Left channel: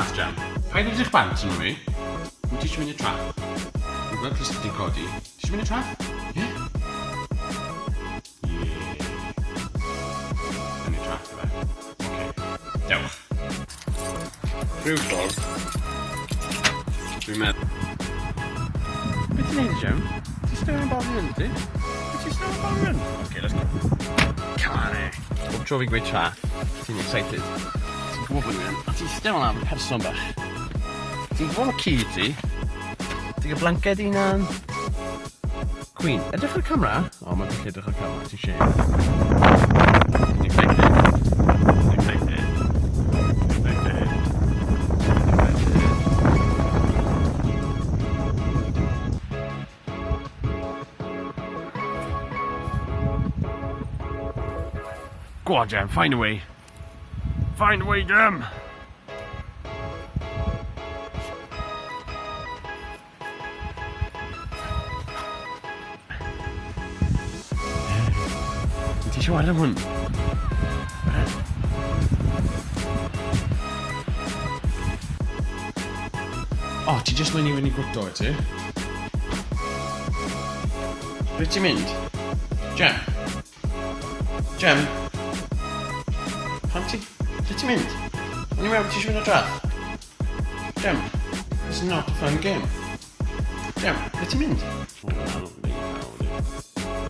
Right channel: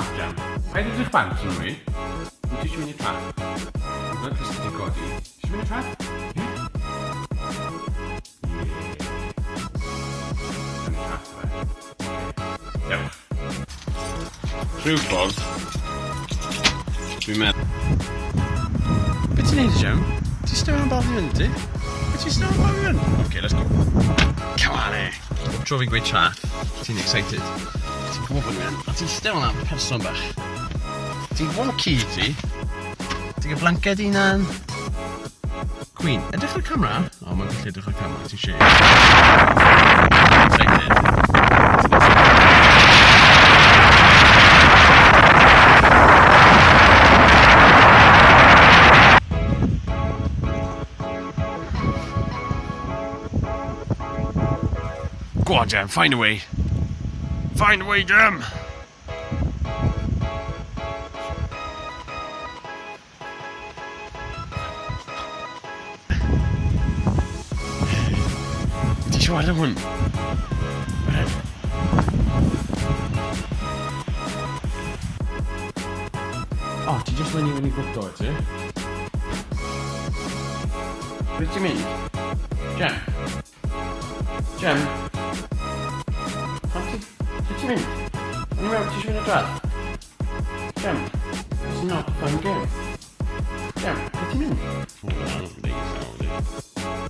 traff, Jam. Paid edrych bant yn nhw i. Wyt ti eisiau mynd i traff? Dwi'n gweld Chris wedi godi. Ti eisiau mynd i traff? Ie? Ie. Mynd i traff, fe. Oce. Dewch. Rhyw ffordd. Dwi'n meddwl. Be ti'n neud, Jam? Ti'n staring am Bobby Run, ti? Be ti'n staring am Bobby Run? Okay, let's go. Come on, eh. Bob tro fi'n gweud traff, ti'n excited. Ti'n gwybod bod ni'n... Ti'n staring am person bach. Ti'n gwybod y ci ti? Ti'n gwybod blanced unan? Queen, edrych ar y camera? O, mae'n gallu edrych ar y camera, ti'n siarad. Excited. Go on, Jam, find a way. Find a way, Jam! Ti siarad am hwn? O, ti jyst mynd i fynd i gwrto, ti? Ble ti'n mynd? Jam? Jam? Lle ti'n mynd? O'n i'n meddwl ti eisiau mynd o dradd? Jam, this is not a fun game. Jam, lle ti'n mynd? O, na, dwi'n neud llaw, di.